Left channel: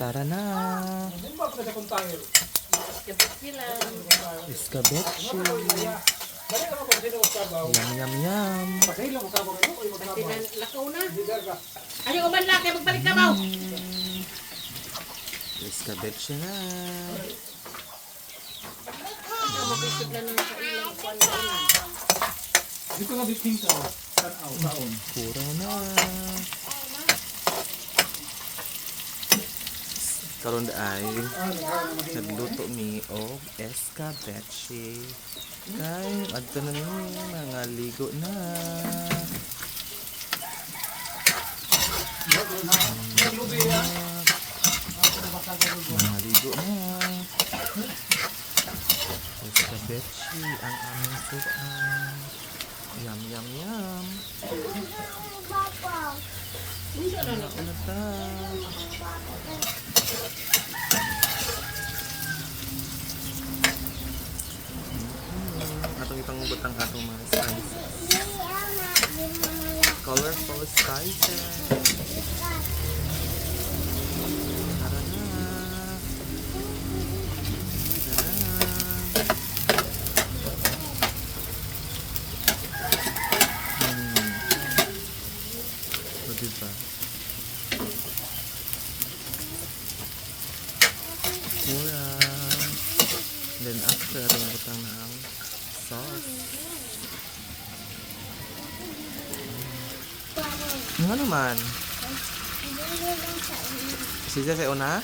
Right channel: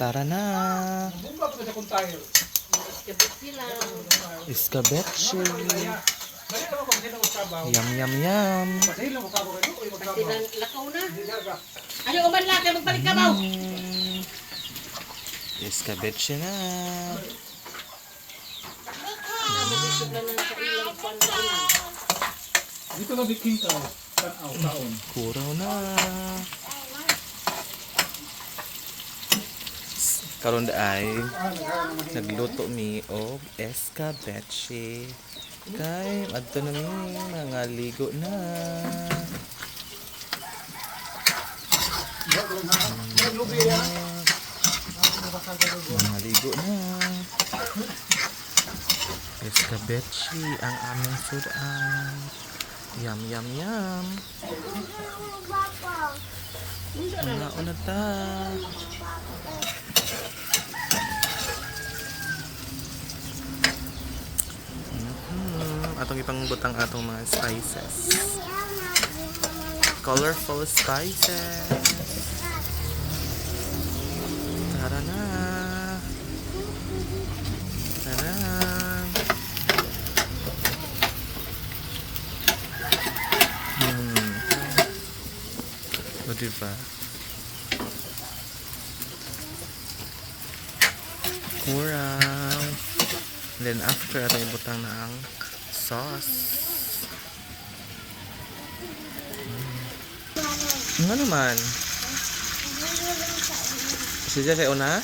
Tara na. Iskabechi. Yum, yum, yum. Lakaw na. Ayaw uman lang, kaya magbalik ka mo. Iskabechi na. Mabusog lang sa ilang pangkainan. Dito na bikin ka. Taon. Puro na. Karon ay nagluto mi og escabeche. Kay adto na ni mga ligo na. Mga ligo na. Escabeche ang aming sudan. Yum, yum, yum. Ano ta? Atong ipang butang atong mga spices. Colorful spices. Tara na. Tara. O diba? Mura. And then after, atong butang na ang sauce. Ano naman? Sige kayo na?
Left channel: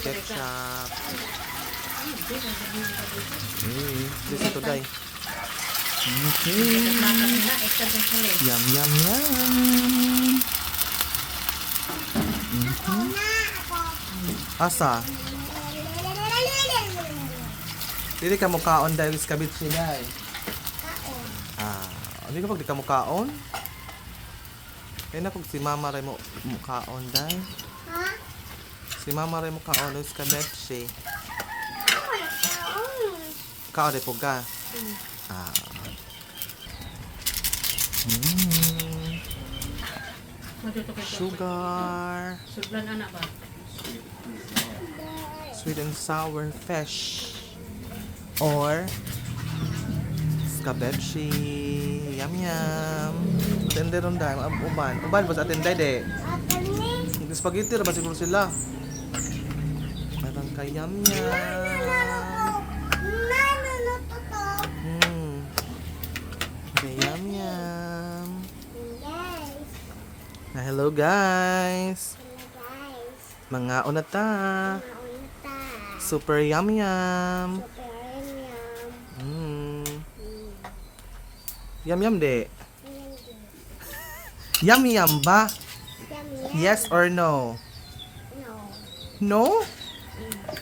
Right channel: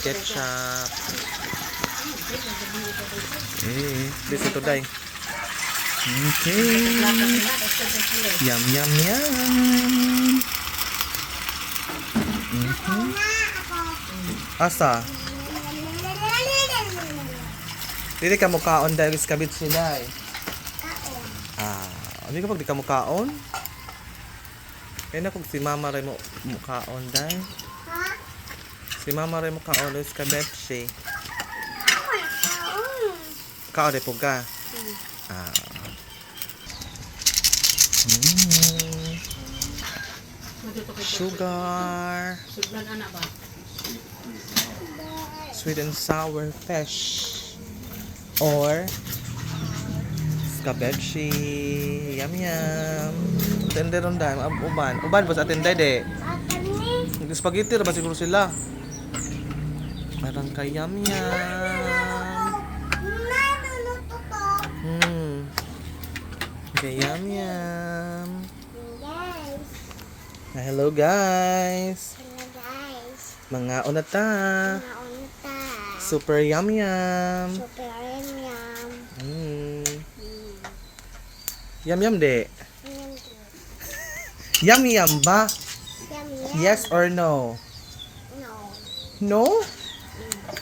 Ketchup. Bisa to day. Okay. Yum, yum, yum. Asa? Dili ka mukaon dahil iskabit sila eh. Hindi ka pag di ka mukaon? Kaya na kung si mama rin mo mukaon dahil. Si mama rin mukaon dahil iskabit siya. Kaon rin po ka? Sugar. Suglan anak ba? Sweet and sour fish. Or escabeche. Yum yum. Tender on dime. Uban. Uban ba sa atender de? Spaghetti ra ba siguro sila? Meron kay yum yum. Okay, yum yum. Hello guys. Mga unata. Super yum yum. Yum yum de. Yum yum ba? Yes or no? No?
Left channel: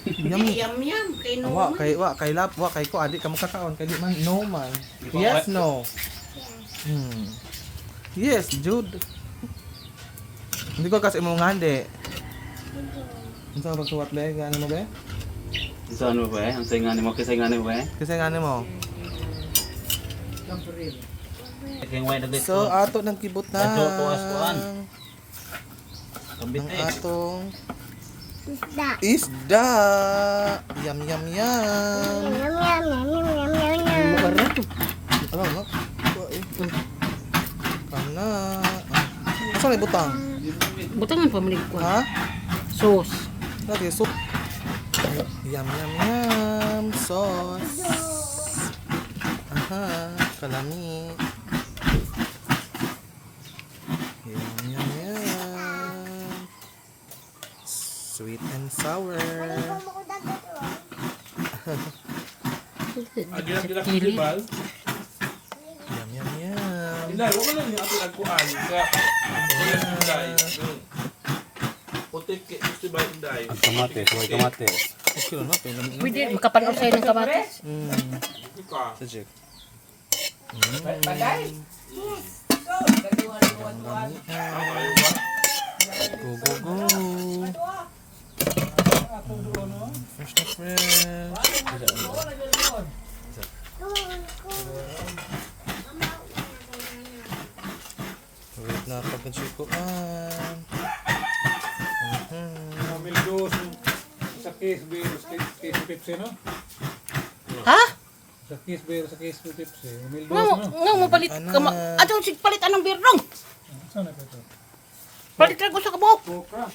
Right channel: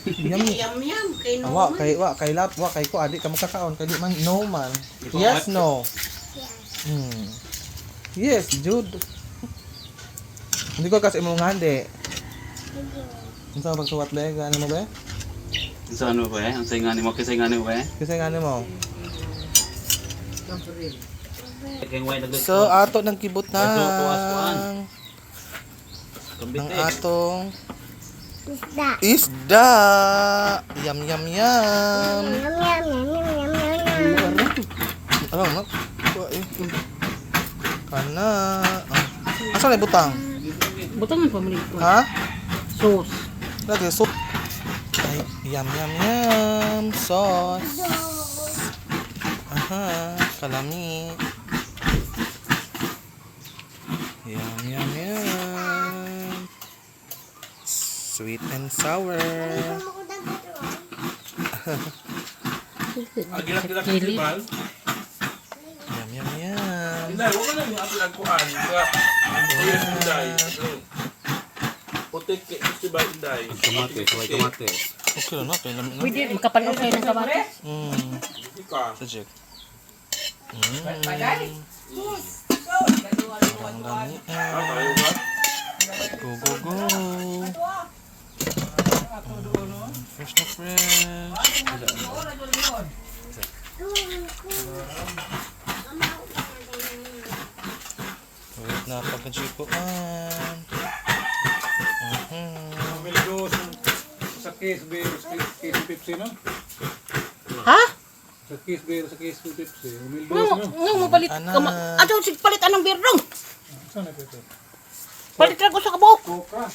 Yum. Yum yum. Kay no. Wa kay ko adik ka makakaon kay di man no man. Yes no. Yes, Jude. Hindi ko kasi mo ngande. Unsa bang suwat le gani mo be? Isa ano ba eh? Ang saingan mo, kasaingan mo ba eh? Kasi ngani mo. Gabriel. So ato nang kibot na. Ang Ang atong isda. Yum yum yum. Ano na? Kana. Asa na butang? Butang ang pamalik ko. Ha? Sauce. Lagi soup. Yum yum yum. Sauce. Aha, kalami. Yum yum yum. Sweet and sour. Chili. Yum yum yum. Inday, wala lang yung ato nagkuhan. Inday. Putik festival Inday. Kamatis, huwag kamatis. Okay lang na, kaya namin na. Pwede, makapanood kayo ng kamatis. Ika. Sajik. Parang lami. Go, go, go. Fresh na fresh. Wait na pagka-chikuan. Umildos sa case beer, sa case Pepsi, no? Ha? Sa case beer, sa case Pepsi. Umildos, Nga no? nga mo palit Anak. ka ma. Ato sig palit anong beer dong. Saan na po ito? Palit ra ko sa kabok. Coca.